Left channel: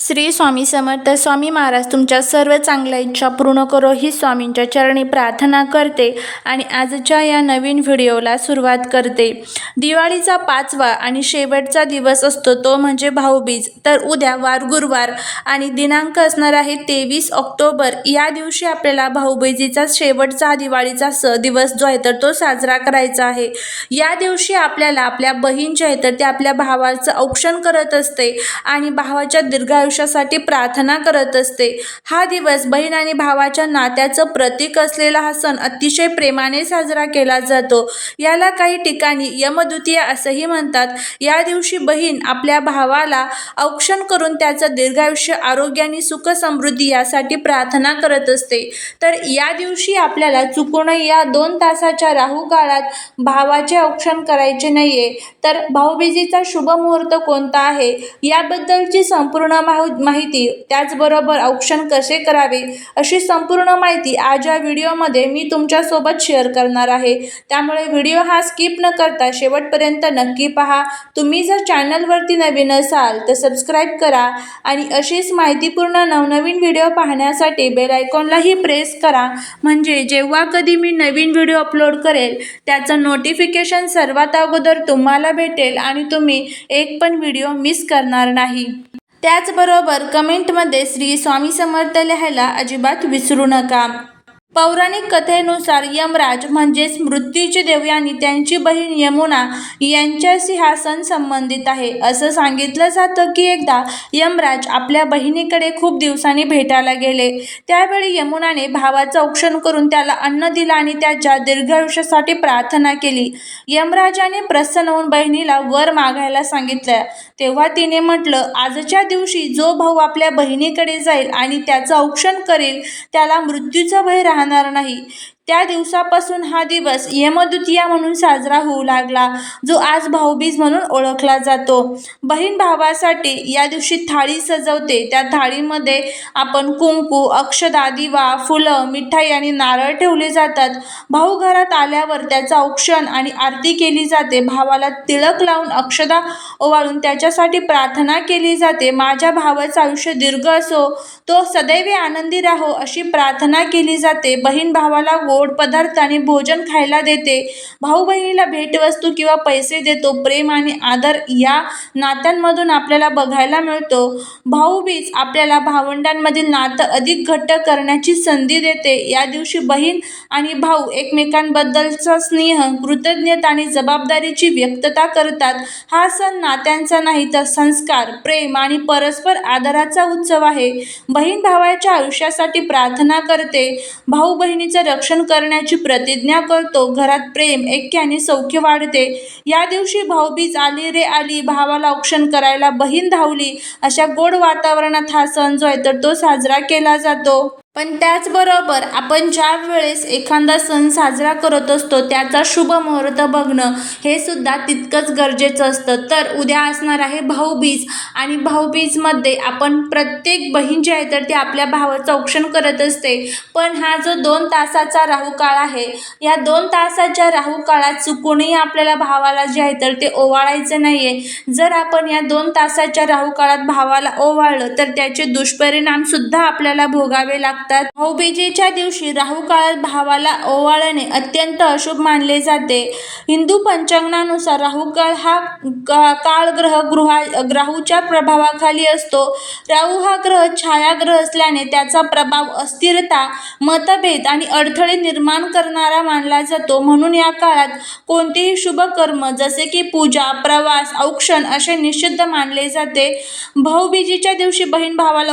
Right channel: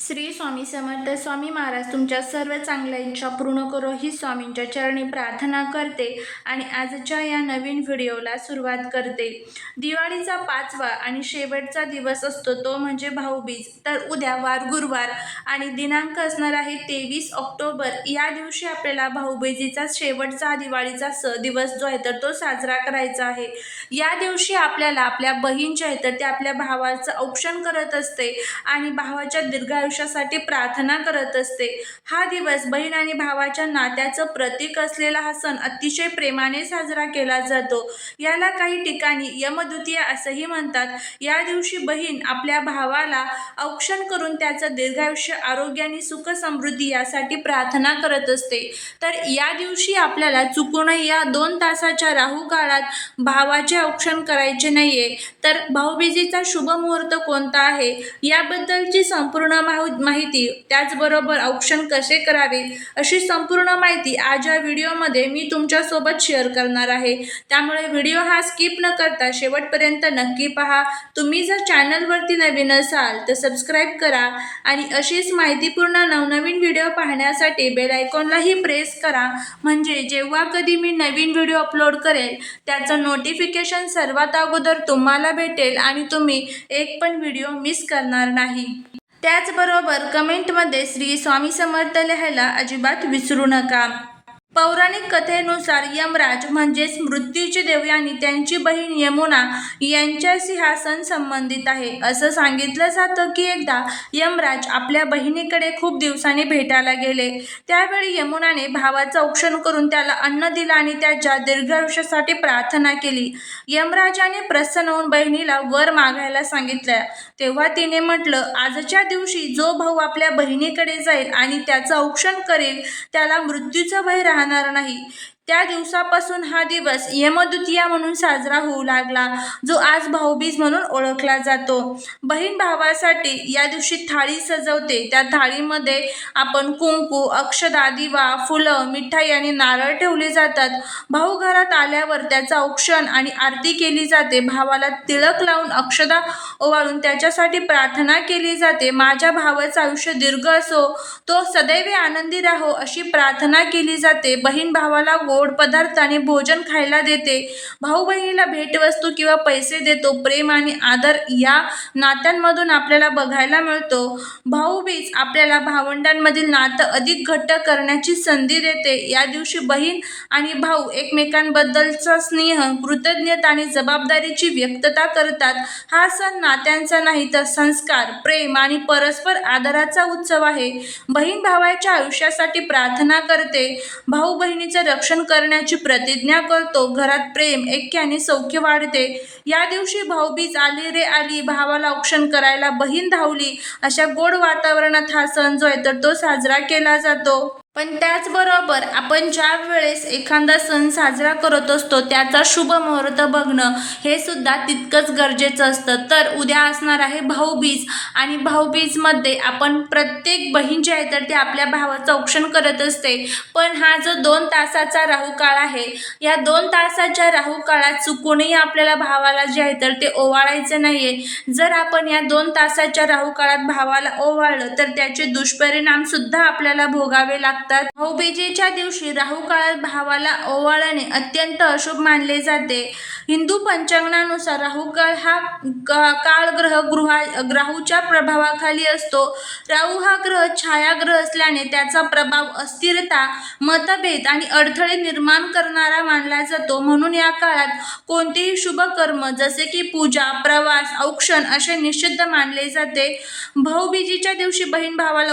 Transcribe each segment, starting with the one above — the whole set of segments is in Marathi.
श्री स्वामी समर्थ स्वामी महाराज तुमच्या सर्व चांगल्या इच्छा पूर्ण करो ही स्वामींच्या चरणी प्रार्थना करते आणि आजच्या या नवीन व्हिडिओला सुरुवात करते. दिवाळीचा पाचवा आणि शेवटचा दिवस असतो तो म्हणजे भाऊबीज. तर उद्या वार गुरुवार आणि दिनांक असणार आहे तेवीस ऑक्टोबर. या दिवशी आपल्याला भाऊबीजीचा शेवटचा दिवाळीचा स दिवस जो आहे तर तो साजरा करायचा आहे. या दिवशी आपल्याला आपल्या बहीण जे आहे तर ते आपल्या भावाचं औक्षण करत असते आणि भावाच्या आयुष्यासाठी प्रार्थना करत असते. हा दिवस बहीण आणि भावाच्या नात्याचं प्रतीक असलेला हा सण अतिशय प्रेमाने साजरा केला जातो. याला काही ठिकाणी यमद्वितीया असंही म्हणतात. या दिवशी बहीण आपल्या भावाला औक्षण करून त्याचं दीर्घायुष्य आरोग्य आणि सुख समृद्धी यासाठी प्रार्थना करत असते. तर या दिवशी आपल्याला चुकून या दोन तासाच्या राहू काळात भावाचे औक्षण करायचे नाहीये. तर भाऊबीजेचा शुभ मुहूर्त कोणता आहे? याबद्दलची संपूर्ण माहिती माहिती त्याचबरोबर औक्षण कसे करावे अशी संपूर्ण माहिती आज या व्हिडिओमध्ये मी तुमच्यासोबत शेअर करणार आहे. त्यामुळे व्हिडिओ हा स्किप न करता शेवटपर्यंत नक्की पहा. तुम्ही जर चॅनलवरती नवीन असाल तर सबस्क्राईब करा आणि अशीच माहितीपूर्ण नवनवीन व्हिडिओ पाहण्यासाठी बेल आयकॉनलाही प्रेस करा. म्हणजे जेव्हा कधी मी नवीन व्हिडिओ अपलोड करेल त्याचं नोटिफिकेशन सर्वात अगोदर तुम्हाला भेटेल आणि तुम्ही एक पण व्हिडिओ मिस करणार नाही. त्याचबरोबर कमेंटमध्ये श्री स्वामी समर्थ लिहायला अजिबात विसरू नका. पौराणिक कथेनुसार यमराज म्हणजेच मृत्यूचे देव आणि त्यांची बहीण यमुना यांच्याशी हा सण संबंधित आहे. असं सांगितलं जातं की एकदा यमराज आपल्या बहिणीकडे खूप दिवसांनी भेटायला गेले. त्यावेळी यमुनाने भावाचं औक्षण करून त्याला अन्न दिलं आणि त्याच्या दीर्घायुष्यासाठी प्रार्थना केली. यमराजाने प्रसन्न होऊन बहिणीला वर मागायला सांगितलं. तेव्हा तिने म्हटलं आजच्या दिवशी जो भाऊ आपल्या बहिणीकडे जाईल आणि त्याचं औक्षण करेल त्याला मृत्यूचं भय राहणार नाही. त्या दिवसापासून हा दिवस यमद्वितीया म्हणून साजरा होऊ लागला जो आज भाऊबीज म्हणून ओळखला जातो. बहीण भावासाठी या दिवशी थाळी सजवते. त्या थाळीमध्ये आपण कुंकू अक्षदा दिवा फुलं मिठाई आणि नारळ ठेवले जातात. भाऊ घरात आल्यावर त्याचं औक्षण आणि आरती केली जाते. भावाला तिळक लावून अक्षदा ओवाळून त्याच्यासाठी प्रार्थना केली जाते. माझ्या भावाचं आयुष्य दीर्घ असो तो सदैव आनंदी राहो अशी प्रार्थना केली जाते. बहीण भावाला गोड पदार्थ आणि भोजन खायला देते. भाऊ बहिणीला भेटवस्तू किंवा पैसे देतो प्रेम आणि आदर या नात्यांमधून आपल्याला बघायला मिळतो. भाऊबीज आपल्याला भावंडांमधील नातं अधिक घट्ट करण्याची संधी देते. या दिवशी बहीण आणि भाऊ एकमेकांबद्दलचा स्नेह कृतज्ञता आणि जबाबदारीची व्यक्तता करतात. हा सण नात्यांचा नाही तर संस्कार प्रेम आणि परस्पर आदराचा उत्सव आहे. बहीण भावाच्या आयुष्यासाठी प्रार्थना करते. भाऊ बहिणीचं रक्षण करण्याची प्रतिज्ञा करतो. घरात प्रेम ऐक्य आणि सौख्य वाढते. या दिवशी भाऊबीज आली रे आली भावाला औक्षण करायला बहीण धावली. अशा गोड वातावरणात हा सण जो आहे तर तो साजरा केला जातो. पण त्याचबरोबर आपण ज्या वेळेस एखादा सण साजरा करत असतो त्याचा शुभ मुहूर्त बघणं हे सुद्धा तितकंच गरजेचं असतं. तर उद्या असणार आहे भाऊबीज आणि भाऊबीजमध्ये आपण प्रत्येक बहीण जी आहे तर ती आपल्या भावाचं औक्षण करत असते. पण हा जो दोन तासाचा राहू काळ आहे या दोन तासाच्या राहू काळात चुकूनही आपल्याला भावाला जे आहे तर ते ओवाळायचं नाही आहे जर आपण या दोन तासाच्या राहू काळात भावाला ओवाळलं तर त्याचे दुष्परिणामसुद्धा आपल्याला भोगावे लागतात. लागतात भाऊबीजेच्या दिवशी राहू काळात भावाला ओवाळणे अत्यंत अशुभ मानले जाते. हिंदू पंचांगणानुसार राहू काळ हा काळ ग्रह गृहा ग्राहूच्या प्रभावाखाली असतो. राहू हा ग्रह छायाग्रह असल्याने त्याचा प्रभाव अस्थिरता मतभेद आणि अडथळे निर्माण करणारा मानला जातो. म्हणून या काळात कोणतेही शुभ कर्म जसे की पूजा प्रवास औक्षण असे निषिद्ध मानले जाते. भाऊबीजेच्या दिवशी बहीण भावाला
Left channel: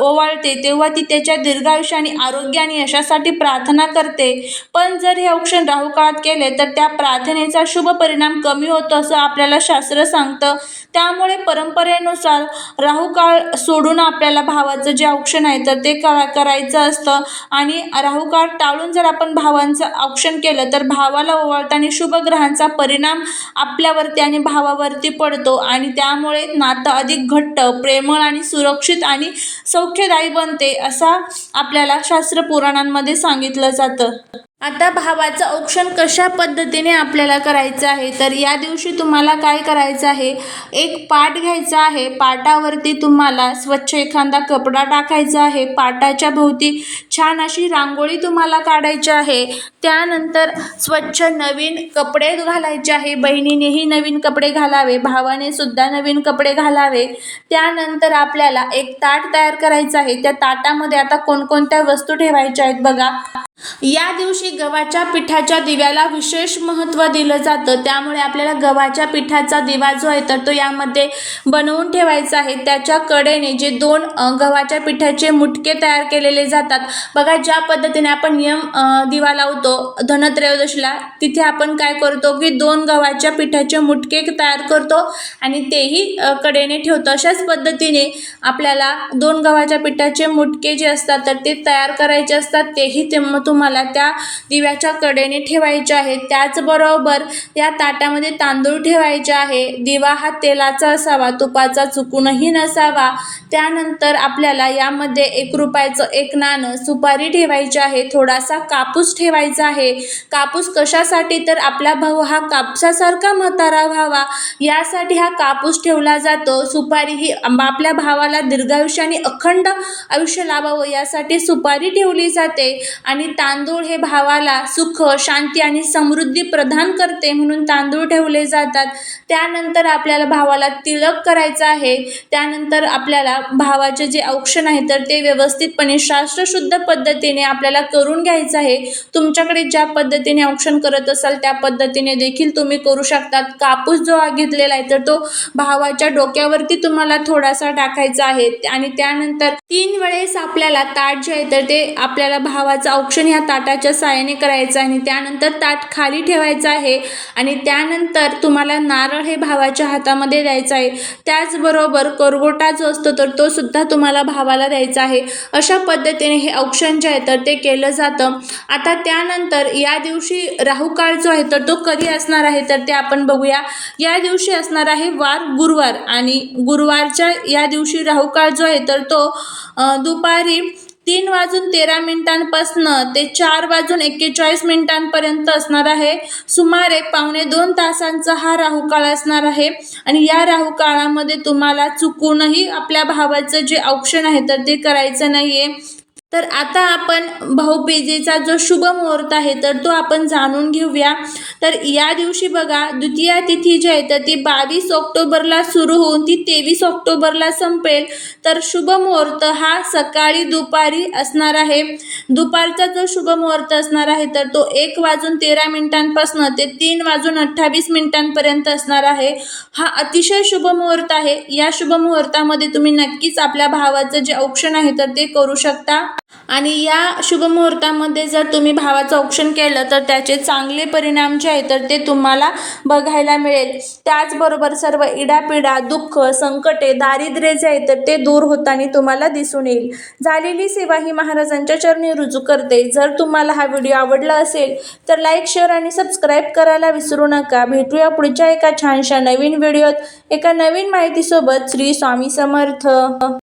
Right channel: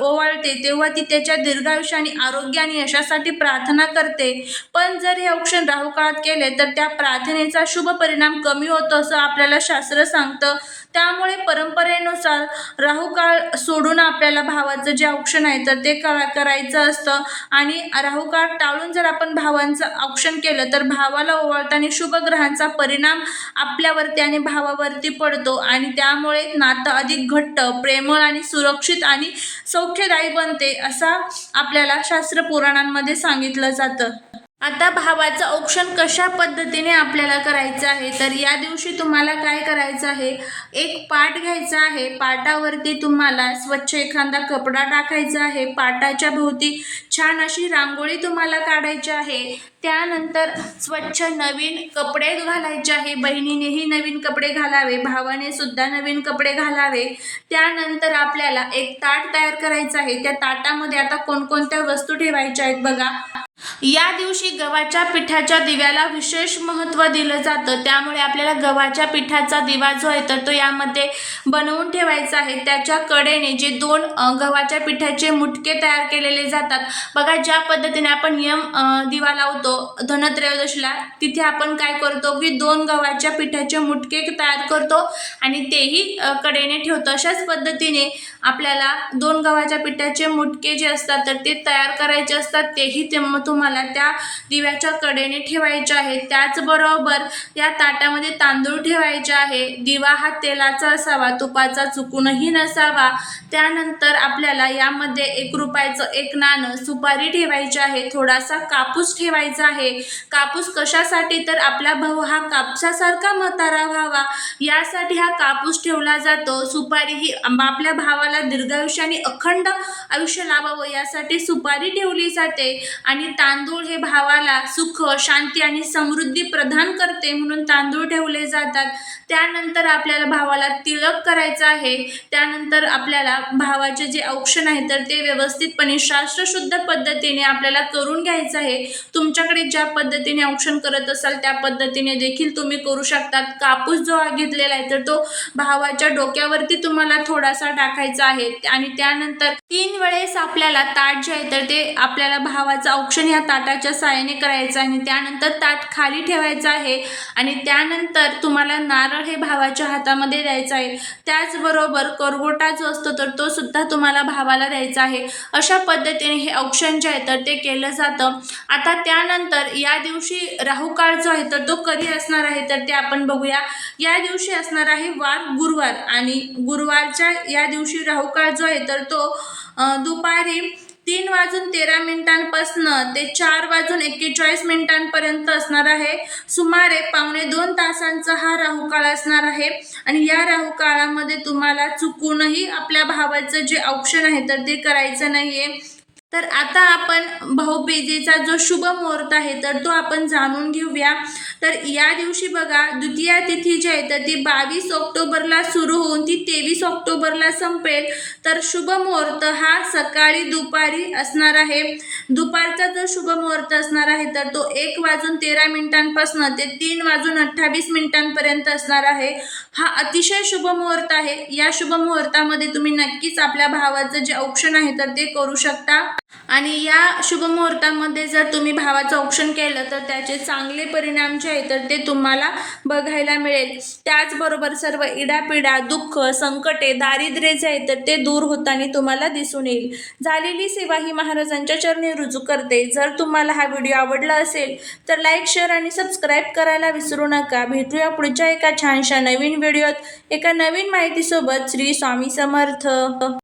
ओवाळते तेव्हा ती त्याच्या दीर्घ दीर्घायुष्य आणि आरोग्य आणि यशासाठी प्रार्थना करते. पण जर हे औक्षण राहू काळात केले तर त्या प्रार्थनेचा शुभ परिणाम कमी होतो असं आपल्याला शास्त्र सांगतं. त्यामुळे परंपरेनुसार राहुकाळ सोडून आपल्याला भावाचं जे औक्षण आहे तर ते करा करायचं असतं. आणि राहुकाळ टाळून जर आपण भावांचं औक्षण केलं तर भावाला ओवाळताना शुभ ग्रहांचा परिणाम आपल्यावरती आणि भावावरती पडतो. आणि त्यामुळे नातं अधिक घट्ट प्रेमळ आणि सुरक्षित आणि सौख्यदायी बनते असा आपल्याला शास्त्र पुराणांमध्ये सांगितलं जातं. आता भावाचं औक्षण कशा पद्धतीने आपल्याला करायचं आहे? तर या दिवशी तुम्हाला काय करायचं आहे? एक पाट घ्यायचा आहे. पाटावरती तुम्हाला स्वच्छ एखादा कपडा टाकायचा आहे. पाटाच्या भोवती छान अशी रांगोळी तुम्हाला काढायची आहे. त्यानंतर स्वच्छ नवीन कपडे घालायचे आहे. बहिणीनेही नवीन कपडे घालावे. भावाने सुद्धा नवीन कपडे घालावे. त्यानंतर आपल्याला एक ताट तयार करायचं आहे. त्या ताटामध्ये आता कोणकोणत्या वस्तू ठेवायच्या आहेत बघा. या दिवशी गव्हाच्या पिठाच्या दिव्याला विशेष महत्त्व दिलं जातं. त्यामुळे आपल्याला गव्हाच्या पिठाचा दिवा जो आहे तर तो यामध्ये बनवून ठेवायचा आहे. त्याच्या कडेने जे दोन गव्हाच्या पिठाचे मुटके तयार केलेले जातात. बघा ज्या पद्धतीने आपण नियम दिवा लावतो धनत्रयोदशीला तिथे आपण काय करतो की दोन गव्हाच्या पिठाचे मुटके तयार करतो आणि तेही कडेने ठेवतो. अशाच पद्धतीने आपल्याला दोन गव्हाच्या पिठाचे मुटके जे असतात तर ते तयार करायचे असतात. तेही ते मग तुम्हाला त्या दिव्याच्या कडेने ठेवायचे आहे. त्याचबरोबर या ताटामध्ये तांदूळ ठेवायचे आहे. दिवा हा तेलाचा असावा तुपाचा चुकूनही नसावा. त्यानंतर आपल्याला यामध्ये एक रुपयाचं एक नाणं सुपारी ठेवायची आहे. थोडासा कापूस ठेवायचा आहे. कापूस कशासाठी? तर आपला भाऊ हा कापसासारखा म्हातारा व्हावा. यासाठी हा कापूस ठेवला जातो. सुपारी ही आपल्या भावाला दीर्घायुष्याने अखंड आयुष्य लाभावं. यासाठी सुपारी ठेवली जाते. आणि तां तांदूळ हे भावाला सुख शांती आणि समृद्धी प्रदान करते म्हणून तांदूळ ठेवले जातात. त्यानंतर आपल्याला भावाला तिलक करायचं आहे. त्यानंतर आपल्याला भावाचे जे औक्षण आहे तर ते व्यवस्थितपणे शास्त्रशुद्ध पद्धतीने आपल्याला करून घ्यायचं आहे. तुमच्याकडे ज्या पद्धतीने औक्षण करत असाल त्या पद्धतीने देखील तुम्ही करू शकतात. कापूस जो घेतलेला आहे तर तो भावाच्या डोक्यावरती तुम्हाला थोडासा टाकायचा आहे. आणि त्यानंतर तीन वेळेस आपल्याला ताट जे आहे तर ते आपल्याला भावाचं औक्षण ह्या ताटाच्या साह्याने करायचं आहे आणि त्यानंतर ताट खाली ठेवायचं आहे आणि त्यानंतर तुम्हाला नारळ हे भावाच्या हातामध्ये द्यायचं आहे. त्याचबरोबर करगोटा जो असतो तर तो सुद्धा तुम्हाला भावाला द्यायचा आहे. अशा पद्धतीने हे औक्षण जे आहे तर ते केलं जातं. आता त्यानंतर या दिवशी राहूकाळ जो आहे तर तो कधी असणार आहे तर ते आपण बघूया. या दिवशी असणार आहे वार गुरुवार आणि गुरुवारच्या या दिवशी राहूकाळ जो आहे तर तो दुपारी तीन वाजून तेरा मिनिटांपासनं ते चार वाजून एक्केचाळीस मिनिटांपर्यंत असणार आहे. सुमारे पावणे दोन तासांचा हा राहू काळ असणार आहे. आणि या राहू काळामध्ये तुम्हाला चुकूनही आपल्या भावाचं जे औक्षण आहे तर ते करायचं नाही आहे तर आता आपण भाऊबीजेचा जो शुभ मुहूर्त आहे तर तो आपण जाणून घेऊया. तर या दिवशी बघा द्वितीया तिथी जी आहे तर ती बावीस ऑक्टोबरला सुरू होऊन ती तेवीस ऑक्टोबरला संपेल. तर शुभ मुहूर्त हा सकाळी दुपारी असणार आहे. दुपारचा जो शुभ मुहूर्त असणार आहे तर तो एक वाजून तेरा मिनिटांपासून ते तीन वाजून अठ्ठावीस मिनिटांपर्यंत असणार आहे. हा अतिशय शुभ मुहूर्त आहे. या शुभ मुहूर्तामध्ये तुम्ही नक्कीच आपल्या भावाचं जे औक्षण आहे तर ते करू शकता. आणि या शुभ मुहूर्तामध्ये जर तुम्ही भावाचं औक्षण केलं तर त्याचे चांगले परिणाम जे आहे तर ते तुम्हाला बघायला मिळेल. त्याचबरोबर सर्व इडापिडा दुःख संकटे दारिद्र्य जे आहे तर ते दूर होताना तुम्हाला दिसून येईल. झालेली सेवा ही महाराजांच्या चरणी रुजू करते. जर तुम्हाला हा व्हिडिओ आवडला असेल तर लाईक शेअर आणि सबस्क्राईब करायला विसरू नका. भेटूया पुढच्या एका छानशा नवीन व्हिडिओत. एका नवीन माहितीसोबत श्री स्वामी समर्थ.